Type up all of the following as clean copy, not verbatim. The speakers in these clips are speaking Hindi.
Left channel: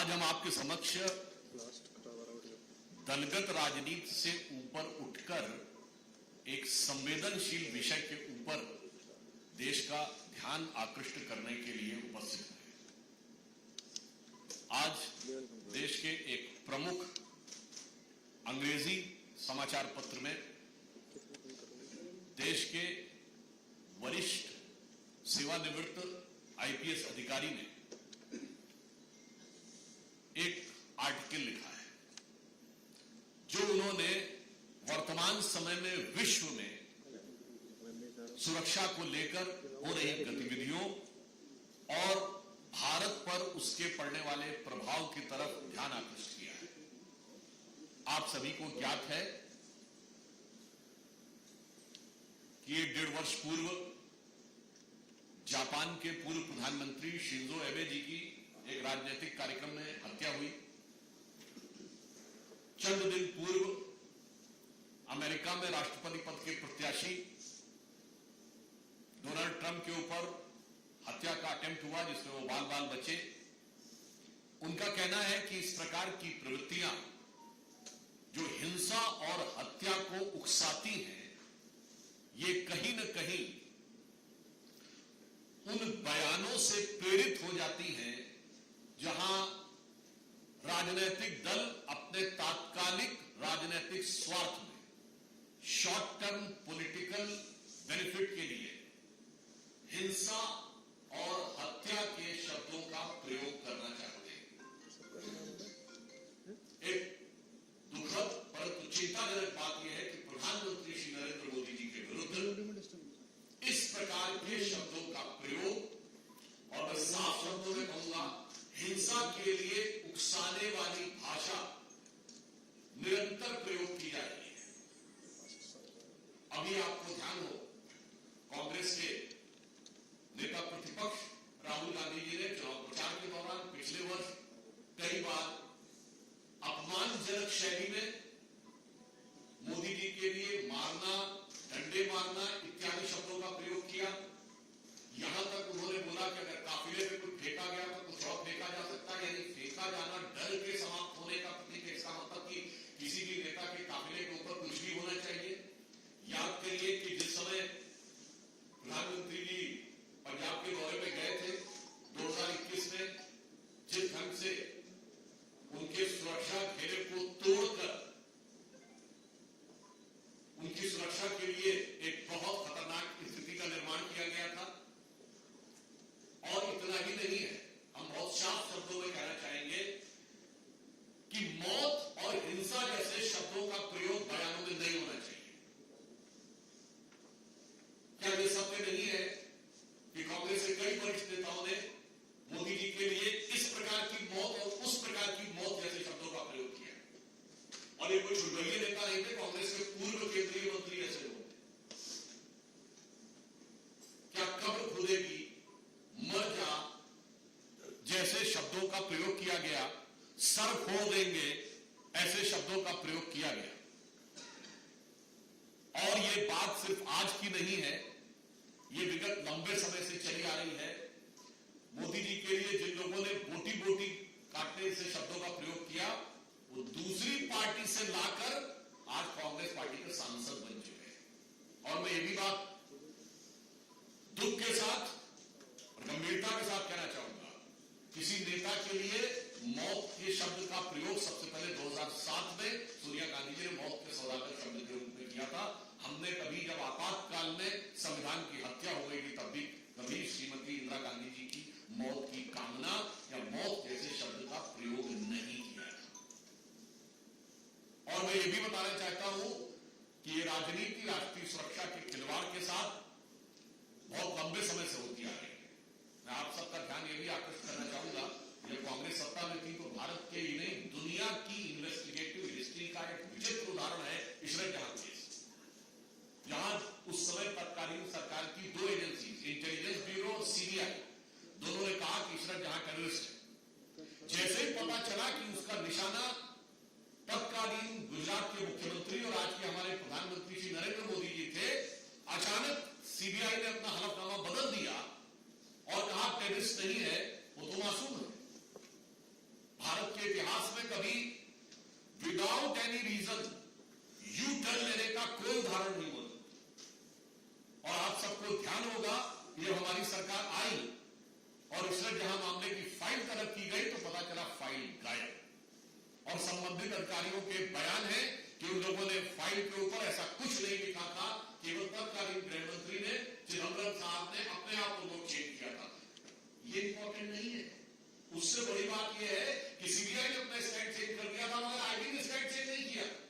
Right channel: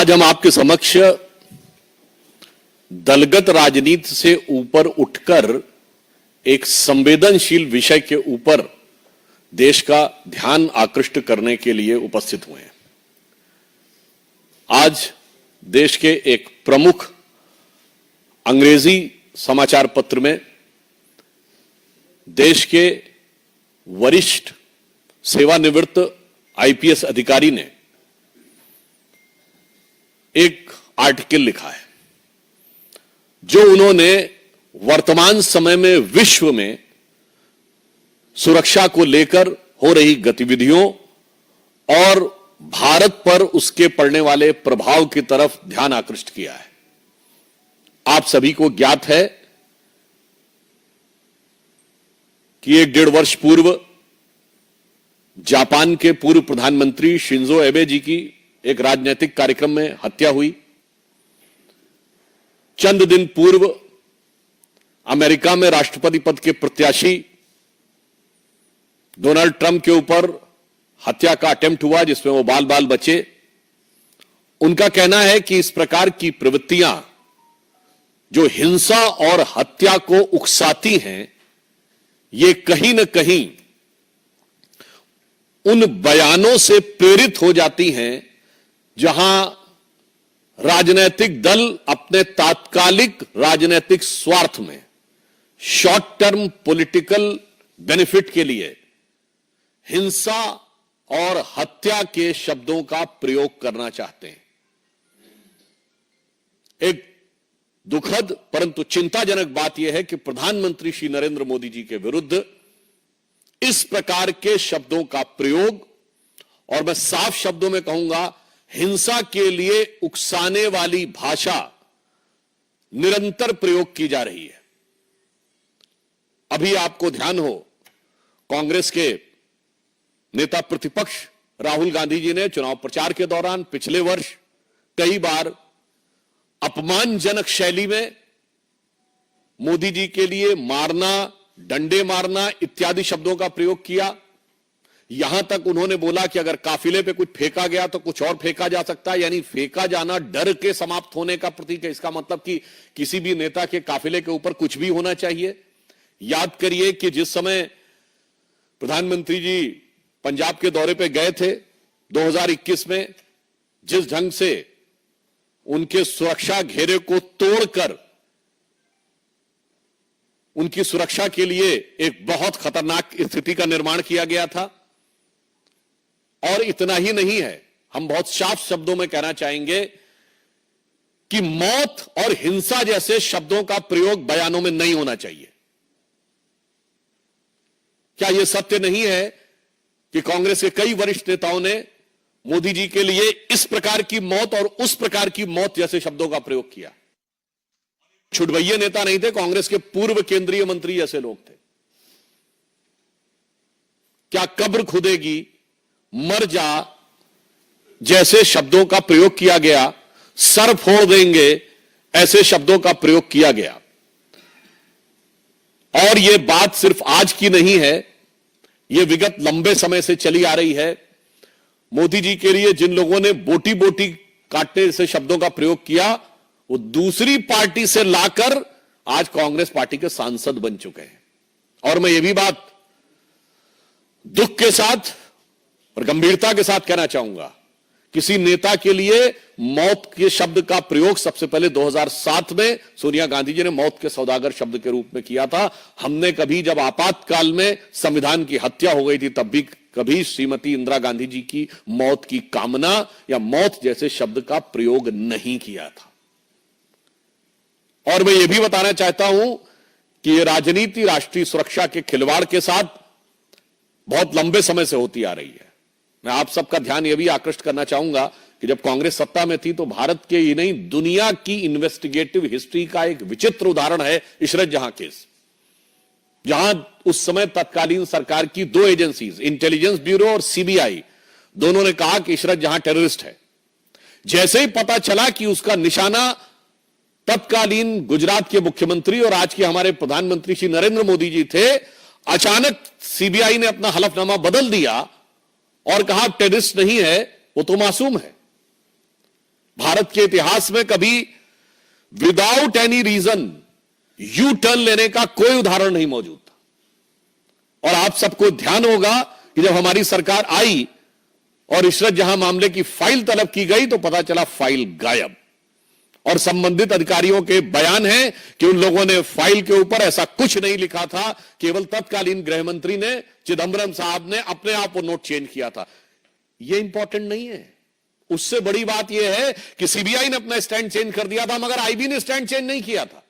आज हम आपके समक्ष दलगत राजनीति से ऊपर उठकर एक संवेदनशील विषय के ऊपर देश का ध्यान आकृष्ट करने के लिए उपस्थित हुए हैं। आज देश के एक प्रमुख अंग्रेजी समाचार पत्र में देश के वरिष्ठ सेवानिवृत्त आईपीएस अधिकारी ने एक आर्टिकल लिखा है जो उन्होंने वर्तमान समय में विश्व में सुरक्षा को लेकर हो रही गतिविधियों और भारत पर उसके पड़ने वाले प्रभाव की तरफ ध्यान आकृष्ट किया है। आप सभी को ज्ञात है कि 1.5 वर्ष पूर्व जापान के पूर्व प्रधानमंत्री शिंजो एबे जी की एक राजनीतिक कार्यक्रम में हत्या हुई। चंद दिन पूर्व अमेरिका में राष्ट्रपति पद के प्रत्याशी डोनाल्ड ट्रंप के ऊपर हत्या का अटेम्प्ट हुआ जिसमें वो बाल बाल बचे। उनका कहना है कि इस प्रकार की प्रवृत्तियां जो हिंसा और हत्या को उकसाती हैं, ये कहीं न कहीं उन बयानों से प्रेरित हो जाती हैं जहां राजनीतिक दल अपने तात्कालिक राजनीतिक स्वार्थ में शॉर्ट टर्म पॉलिटिकल बेनिफिट के लिए हिंसा और हत्या के शब्दों का प्रयोग करना चाहते हैं। एक दुखद परंतु चिंताजनक बात यह है कि प्रधानमंत्री श्री नरेंद्र मोदी जी के विरुद्ध इस प्रकार के शब्दों का प्रयोग, और मैं साफ शब्दों में कहूंगा हिंसा के लिए उकसाने वाली भाषा निरंतर प्रयोग की जा रही है। अभी आपको ध्यान हो, कांग्रेस के नेता प्रतिपक्ष राहुल गांधी जी ने चुनाव प्रचार के दौरान पिछले वर्ष कई बार अपमानजनक शैली में मोदी जी के लिए मारना, डंडे मारना इत्यादि शब्दों का प्रयोग किया। यहां तक उन्होंने बोला कि अगर काफिले पे कुछ फेंका गया तो कुछ और फेंका जा सकता है, यानी फेंका जाना डर के समाप्त होने का प्रतीक है। इसका मतलब कि किसी भी नेता के काफिले के ऊपर कुछ भी होना चाहिए। याद करिए कि जिस समय प्रधानमंत्री जी पंजाब के दौरे पे गए थे 2021 में, जिस ढंग से उनके सुरक्षा घेरे को तोड़कर उनकी सुरक्षा के लिए एक बहुत खतरनाक स्थिति का निर्माण किया गया था। और इतना ही नहीं है, हम बहुत साफ शब्दों में कहना चाहेंगे कि मौत और हिंसा जैसे शब्दों का प्रयोग बयानों में नहीं होना चाहिए। क्या यह सत्य नहीं है कि कांग्रेस के कई वरिष्ठ नेताओं ने मोदी जी के लिए इस प्रकार की मौत और उस प्रकार की मौत जैसे शब्दों का प्रयोग किया? छुटभैये नेता नहीं थे, कांग्रेस के पूर्व केंद्रीय मंत्री जैसे लोग थे। क्या कब्र खुदेगी, मर जा जैसे शब्दों का प्रयोग किया गया, सर फोड़ देंगे ऐसे शब्दों का प्रयोग किया गया। और यह बात सिर्फ आज की नहीं है, यह विगत लंबे समय से चली आ रही है। मोदी जी के लिए जिन लोगों ने बोटी बोटी काटने से शब्दों का प्रयोग किया, वो दूसरी पार्टी से लाकर आज कांग्रेस पार्टी के सांसद बन चुके हैं। और मैं ये भी बात दुख के साथ और गंभीरता के साथ कहना चाहूंगा, किसी नेता के लिए मौत के शब्द का प्रयोग सबसे पहले 2007 में सोनिया गांधी जी ने मौत के सौदागर शब्द के रूप में किया था। हमने कभी जब आपातकाल में संविधान की हत्या हो गई थी तब भी कभी श्रीमती इंदिरा गांधी जी की मौत की कामना या मौत जैसे शब्द का प्रयोग नहीं किया था। और मैं यह भी बताना चाहता हूं कि यह राजनीति राष्ट्रीय सुरक्षा के खिलवाड़ के साथ बहुत लंबे समय से होती आ रही है। मैं आप सबका ध्यान यह भी आकृष्ट करना चाहूंगा कि जब कांग्रेस सत्ता में थी तो भारत के ही नहीं दुनिया की इन्वेस्टिगेटिव हिस्ट्री का एक विचित्र उदाहरण है इशरत जहां केस, जहां उस समय तत्कालीन सरकार की 2 एजेंसीज, इंटेलिजेंस ब्यूरो और सीबीआई, दोनों ने कहा कि इशरत जहां टेररिस्ट है। जैसे ही पता चला कि उसका निशाना तत्कालीन गुजरात के मुख्यमंत्री और आज के हमारे प्रधानमंत्री श्री नरेंद्र मोदी जी थे, अचानक सीबीआई ने अपना हलफनामा बदल दिया और कहा टेररिस्ट नहीं है, वो तो मासूम है। भारत के इतिहास में कभी without any reason U turn लेने का कोई उदाहरण नहीं मौजूद था। और आप सबको ध्यान होगा कि जब हमारी सरकार आई और इशरत जहां मामले की फाइल तलब की गई तो पता चला फाइल गायब, और संबंधित अधिकारियों के बयान है कि उन लोगों ने फाइल के ऊपर ऐसा कुछ नहीं लिखा था, केवल तत्कालीन गृह मंत्री ने, चिदंबरम साहब ने अपने आप वो नोट चेंज किया था। ये इंपॉर्टेंट नहीं है। उससे बड़ी बात यह है कि सीबीआई ने अपना स्टैंड चेंज कर दिया था, मगर आईबी ने स्टैंड चेंज नहीं किया था।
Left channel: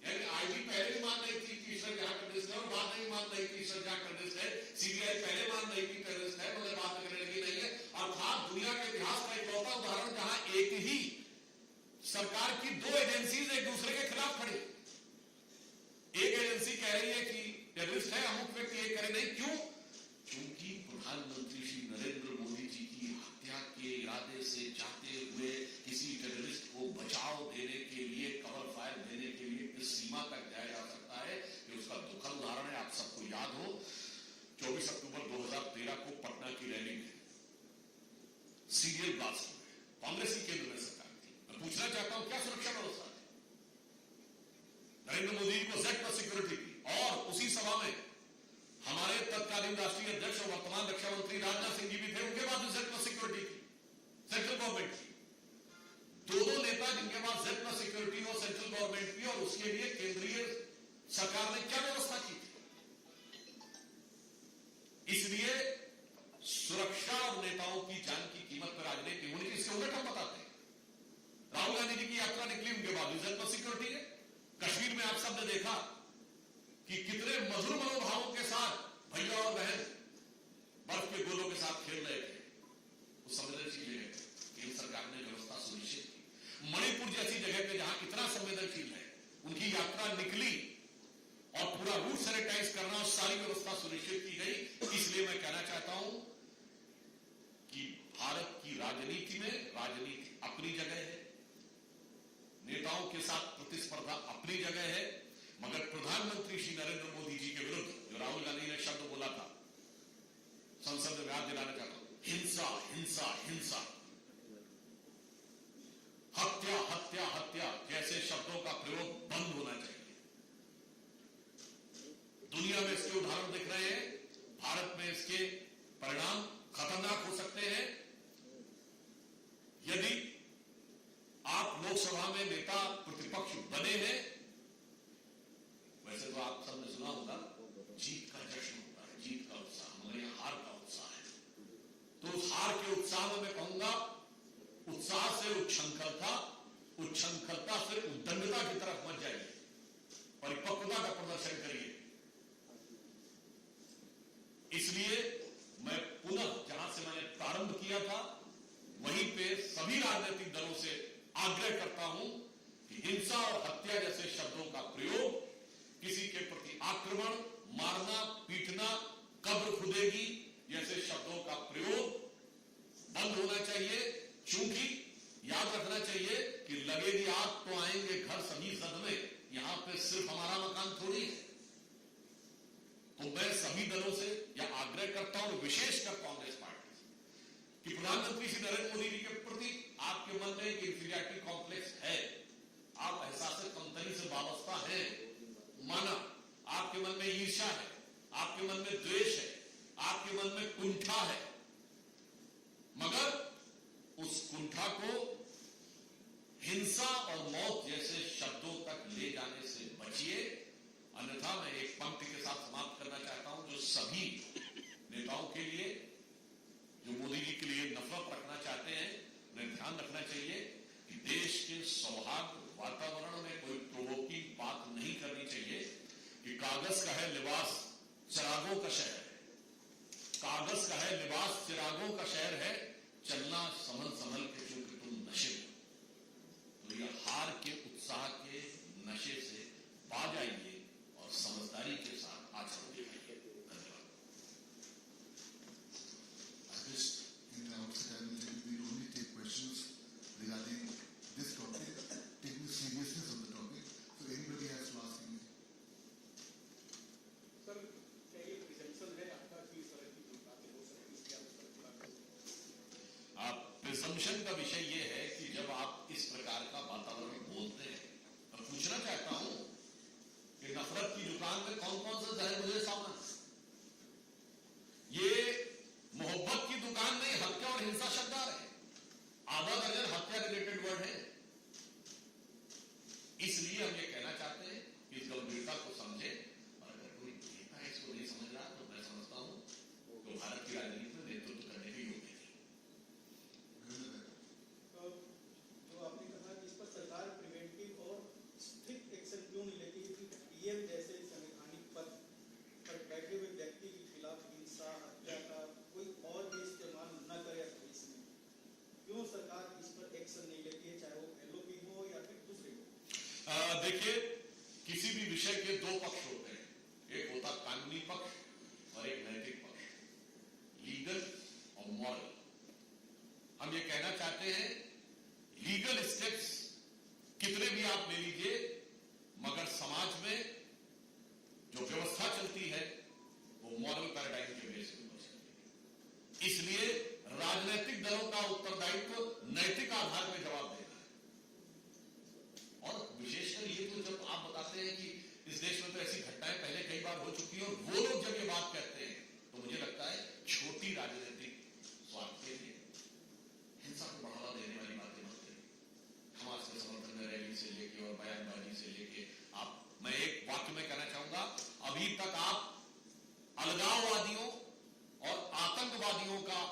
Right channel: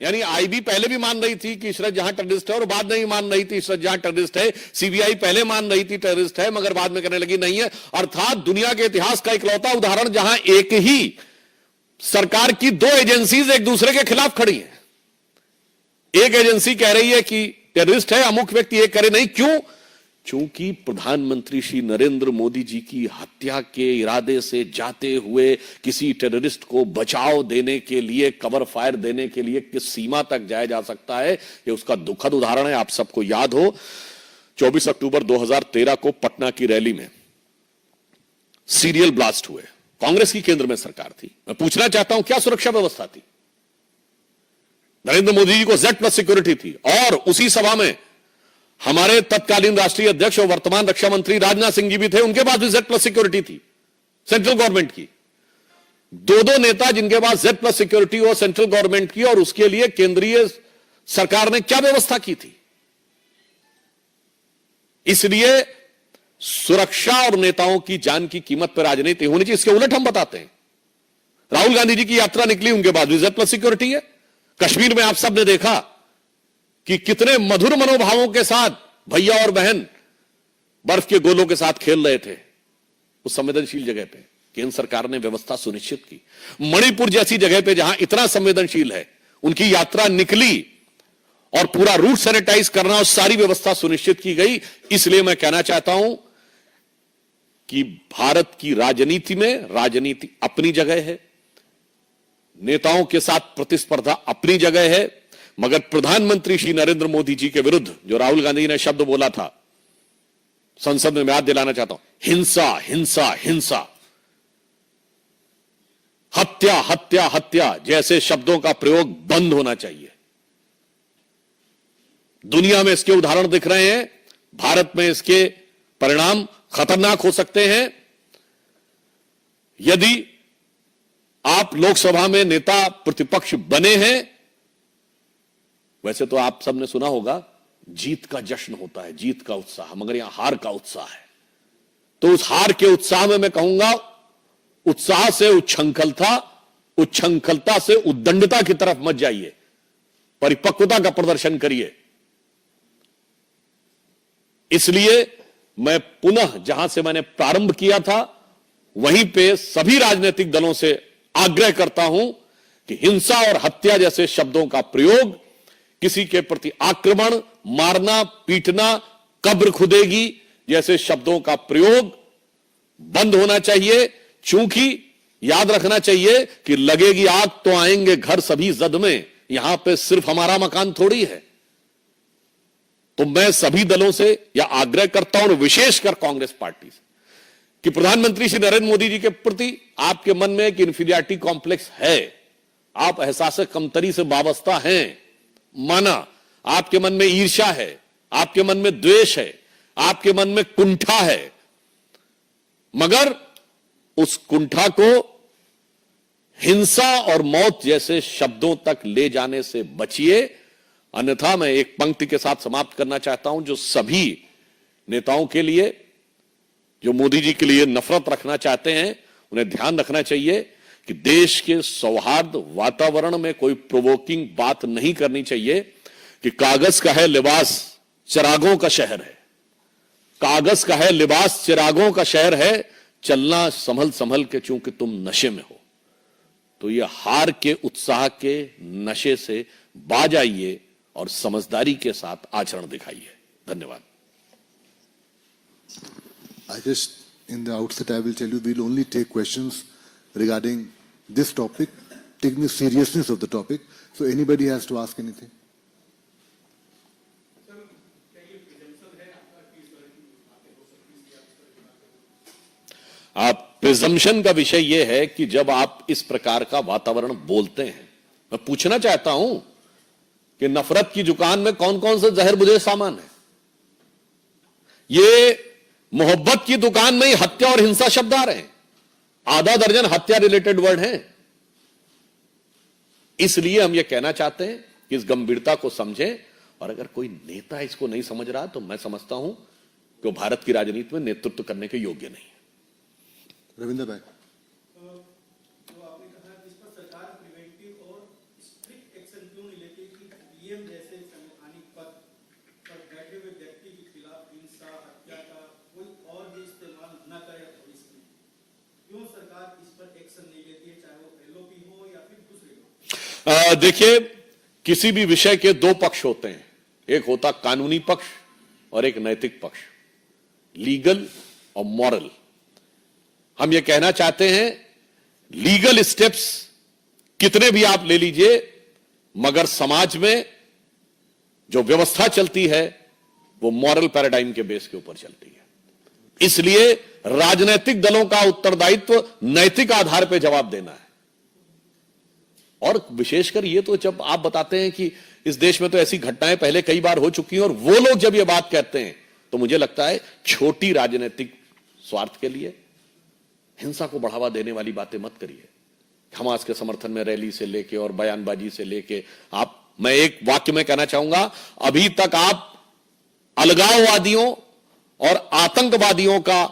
यानी आईबी पहले भी मान रही थी कि इशरत जहां टेररिस्ट है, और बाद में भी मान रही थी इशरत जहां टेररिस्ट है। सीबीआई पहले मान रही थी टेररिस्ट है, मगर बाद में कहने लगी नहीं है। अर्थात दुनिया के इतिहास का इकलौता उदाहरण जहां एक ही सरकार की दो एजेंसीज एक दूसरे के खिलाफ खड़ी हैं। एक एजेंसी कह रही है कि टेररिस्ट है अमुक व्यक्ति, एक करे नहीं। क्यों? चूंकि प्रधानमंत्री श्री नरेंद्र मोदी जी की हत्या के इरादे से जाते हुए किसी टेररिस्ट को बचाव देने के लिए, कवर फायर देने के लिए किस सीमा तक जाया जा सकता है, यह उसका दुखद उदाहरण है। आप सबको याद हो 24 अक्टूबर 2013 को पटना की रैली में सीरियल ब्लास्ट हुए। कांग्रेस की केंद्र में सरकार थी। मैं पूछना चाहता हूं क्या सुरक्षा व्यवस्था थी? नरेंद्र मोदी जी को Z+ सिक्योरिटी थी, और उसी सभा में हमारे तत्कालीन राष्ट्रीय अध्यक्ष और वर्तमान रक्षा मंत्री राजनाथ सिंह जी भी थे, उनके पास भी Z+ सिक्योरिटी थी सेंट्रल गवर्नमेंट की। दो नेता जिनके पास Z+ सिक्योरिटी हो सेंट्रल गवर्नमेंट की, और उसके लिए केंद्रीय सरकार ने क्या व्यवस्था की थी? इसलिए सुरक्षा और नेताओं की जान की कीमत पर राजनीति होनी चाहिए। इसके उलट हम बताते हैं, राहुल गांधी जी की यात्रा निकली, उनके पास भी Z+ सिक्योरिटी है। कश्मीर में आप सब ने देखा कि कितने मधुर मनोभावों के साथ भैया और बहन बर्फ के गोलों के साथ खेल रहे थे उस संवेदनशील जगह पे। केंद्र सरकार ने व्यवस्था सुनिश्चित की। मणिपुर जैसी जगह पे जहां इतना संवेदनशील है, उनकी यात्रा निकली और पूरा रूट सैनिटाइज करना और सारी व्यवस्था सुनिश्चित की गई। इसलिए मैं कहना चाहता हूं कि भारत की राजनीति में राजनीति अपनी जगह है, नेताओं के साथ प्रतिस्पर्धा अपनी जगह है, मगर प्रधानमंत्री श्री नरेंद्र मोदी जी के विरुद्ध जो राहुल गांधी ने शब्द बोला था संसद में, मैं याद दिलाना चाहता हूं, हिंसा हिंसा हिंसा, हत्या हत्या हत्या जैसे शब्दों का प्रयोग बंद होना चाहिए। दुनिया में इसके उदाहरण दिख रहे हैं, भारत में इसके परिणाम खतरनाक हो सकते हैं। यदि आप लोकसभा में नेता प्रतिपक्ष बने हैं, वैसे तो आप सबने सुना होगा जीत का जश्न होता है, जीत का उत्साह, मगर यहां हार का उत्साह है। तो उस हार के उत्साह में मैं कहूंगा, उत्साह से उच्छृंखलता, उच्छृंखलता से उद्दंडता की तरफ मत जाइए, परिपक्वता का प्रदर्शन करिए। इसलिए मैं पुनः जहां से मैंने प्रारंभ किया था वहीं पे सभी राजनीतिक दलों से आग्रह करता हूं कि हिंसा और हत्या जैसे शब्दों का प्रयोग, किसी के प्रति आक्रमण, मारना, पीटना, कब्र खुदेगी जैसे शब्दों का प्रयोग बंद होना चाहिए। चूंकि याद रखना चाहिए कि लगेगी आग तो आएंगे घर सभी जद में, यहां पे सिर्फ हमारा मकान थोड़ी है। तो मैं सभी दलों से यह आग्रह करता हूं, और विशेषकर कांग्रेस पार्टी से, कि प्रधानमंत्री श्री नरेंद्र मोदी जी के प्रति आपके मन में एक इंफीरियरिटी कॉम्प्लेक्स है, आप एहसास कमतरी से वाबस्ता हैं, माना, आपके मन में ईर्ष्या है, आपके मन में द्वेष है, आपके मन में कुंठा है, मगर उस कुंठा को हिंसा और मौत जैसे शब्दों तक ले जाने से बचिए। अन्यथा मैं एक पंक्ति के साथ समाप्त करना चाहता हूं, जो सभी नेताओं के लिए, जो मोदी जी के लिए नफरत रखना चाहते हैं, उन्हें ध्यान रखना चाहिए कि देश के सौहार्द वातावरण में कोई प्रोवोकिंग बात नहीं करनी चाहिए कि कागज का है लिबास चिरागों का शहर है, कागज का है लिबास चिरागों का शहर है, चलना संभल संभल के चूंकि तुम नशे में हो। तो ये हार के उत्साह के नशे से बाज आइए और समझदारी के साथ आचरण दिखाइए। धन्यवाद। I just, in the outset, I will tell you, we'll only take questions regarding this topic, taking the seriousness of the topic. So anybody has to ask anything. आप प्रिजम्पशन का विषय यह है कि जब आप इस प्रकार का वातावरण बोलते हैं, मैं पूछना चाहता हूं कि नफरत की दुकान में कौन कौन से जहर बुझे सामान है? ये मोहब्बत की दुकान में ही हत्या और हिंसा शब्द आ रहे हैं, आधा दर्जन हत्या रिलेटेड वर्ड हैं। इसलिए हम ये कहना चाहते हैं कि इस गंभीरता को समझें, और अगर कोई नेता इसको नहीं समझ रहा तो मैं समझता हूं कि वो भारत की राजनीति में नेतृत्व करने के योग्य नहीं है। रविंद्र भाई, आपने कहा कि इस पर सरकार प्रिवेंटिव और स्ट्रिक्ट एक्शन क्यों नहीं लेती कि पीएम जैसे संवैधानिक पद पर बैठे हुए व्यक्ति के खिलाफ हिंसा हत्या का कोई और भी इस्तेमाल न करे इसमें क्यों सरकार इस पर एक्शन नहीं लेती है, चाहे वो एलओपी हो या फिर दूसरे हो? देखिए, किसी भी विषय के दो पक्ष होते हैं, एक होता कानूनी पक्ष और एक नैतिक पक्ष, लीगल और मॉरल। हम ये कहना चाहते हैं लीगल स्टेप्स कितने भी आप ले लीजिए, मगर समाज में जो व्यवस्था चलती है वो मॉरल पैराडाइम के बेस के ऊपर चलती है। इसलिए राजनीतिक दलों का उत्तरदायित्व नैतिक आधार पर जवाब देना है। और विशेषकर ये तो जब आप बताते हैं कि इस देश में तो ऐसी घटनाएं पहले कई बार हो चुकी हैं, और वो लोग जब ये बात कहते हैं तो मुझे लगता है छोटी राजनीतिक स्वार्थ के लिए हिंसा को बढ़ावा देने वाली बातें मत करिए। हमास के समर्थन में रैली से लेके और बयानबाजी से लेके मैं एक वाक्य में कहना चाहूंगा, अभी तक आप अलगाववादियों और आतंकवादियों का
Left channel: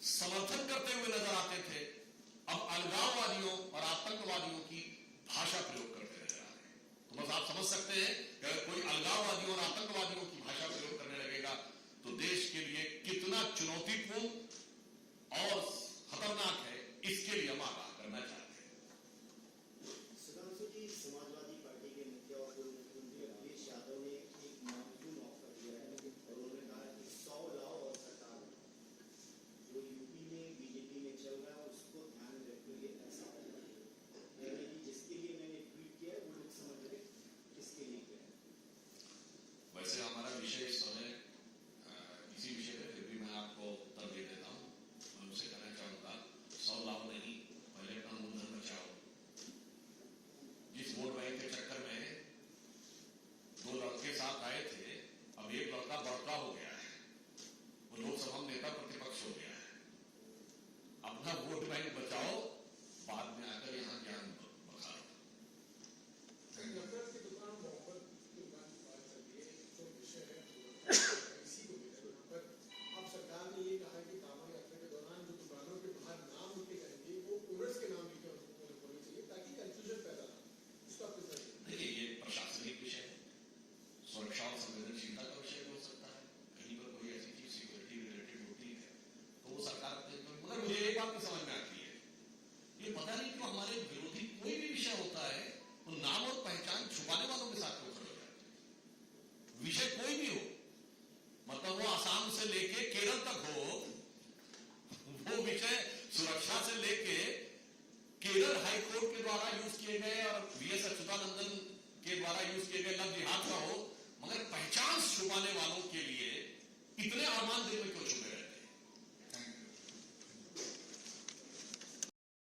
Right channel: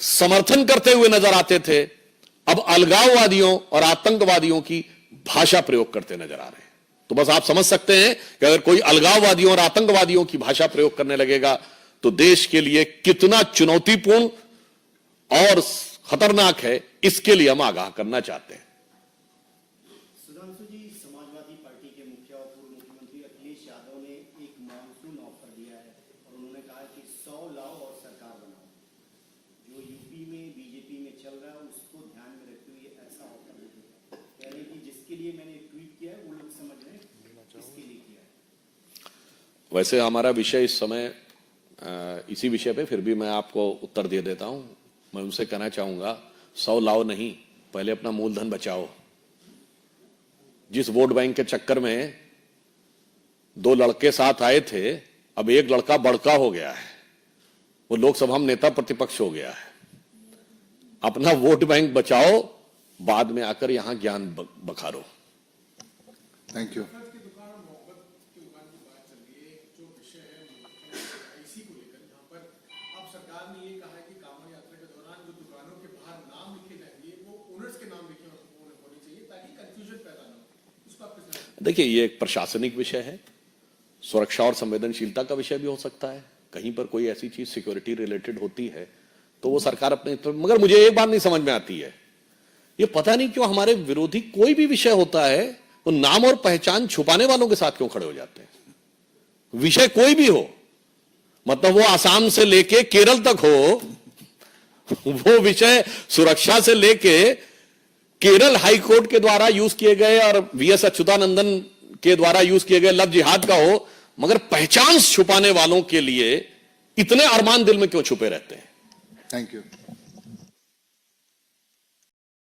समर्थन करते हुए नजर आते थे, अब अलगाववादियों और आतंकवादियों की भाषा प्रयोग करते नजर आ रहे हैं। तो बस आप समझ सकते हैं कि अगर कोई अलगाववादियों और आतंकवादियों की भाषा प्रयोग करने लगेगा तो देश के लिए कितना चुनौतीपूर्ण और खतरनाक है, इसके लिए हम आगाह करना चाहते हैं। सुधांशु जी, समाजवादी पार्टी के मुखिया और पूर्व मुख्यमंत्री अखिलेश यादव ने एक मानसून ऑफर दिया है और उन्होंने कहा कि 100 लाओ और सरकार बनाओ। जो यूपी में बीजेपी में चल रहा है उसको ध्यान में रखते हुए ऐसा ऑफर यानी कि जिसके लिए मैंने ट्वीट किया है वो लोग समझ रहे हैं किसके लिए किया है। वैसे हमारा विषय इस समय इसी विषय पे, फिर भी मैं आपको उत्तर दे देता हूं। मैं उनसे कहना चाहूंगा 100 लाओ नहीं, पहले अपना मूलधन बचाओ। जिस वोट बैंक के चक्कर में 2 लड़के साथ आए थे, अब एक लड़का बड़का हो गया है, वो लोकसभा में नेता प्रतिपक्ष हो गया है। अपना वोट बैंक बचाओ, बाद में आकर यहां ज्ञान बखारो। Thank you. देखिए, ये एक प्रशासनिक विषय है, सुरक्षा और संवेदनशीलता का विषय भी हो सकता है। कहीं पर कोई ऐसी चीज सिक्योरिटी रिलेटेड होती है तो वो सरकार अपने, मगर मुझे एक बात नहीं समझ में आती है, ये पता नहीं क्यों हमारे विरोधी कोई भी विषय होता है वो नाम और पहचान छुपाने वालों के साथ क्यों खड़े हो जाते हैं। विषय कोई भी हो, मतलब वो आसाम से लेके केरल तक हो, वो विषय सुरक्षा से लेके केरल हाई कोर्ट के द्वारा यूज किए गए और वीएस अच्युतानंदन के द्वारा यूज किए गए लव जिहाद का हो, मगर पहचान छुपाने वालों के लिए इतने अरमान दिल में क्यों छुपे रहते हैं। Thank you.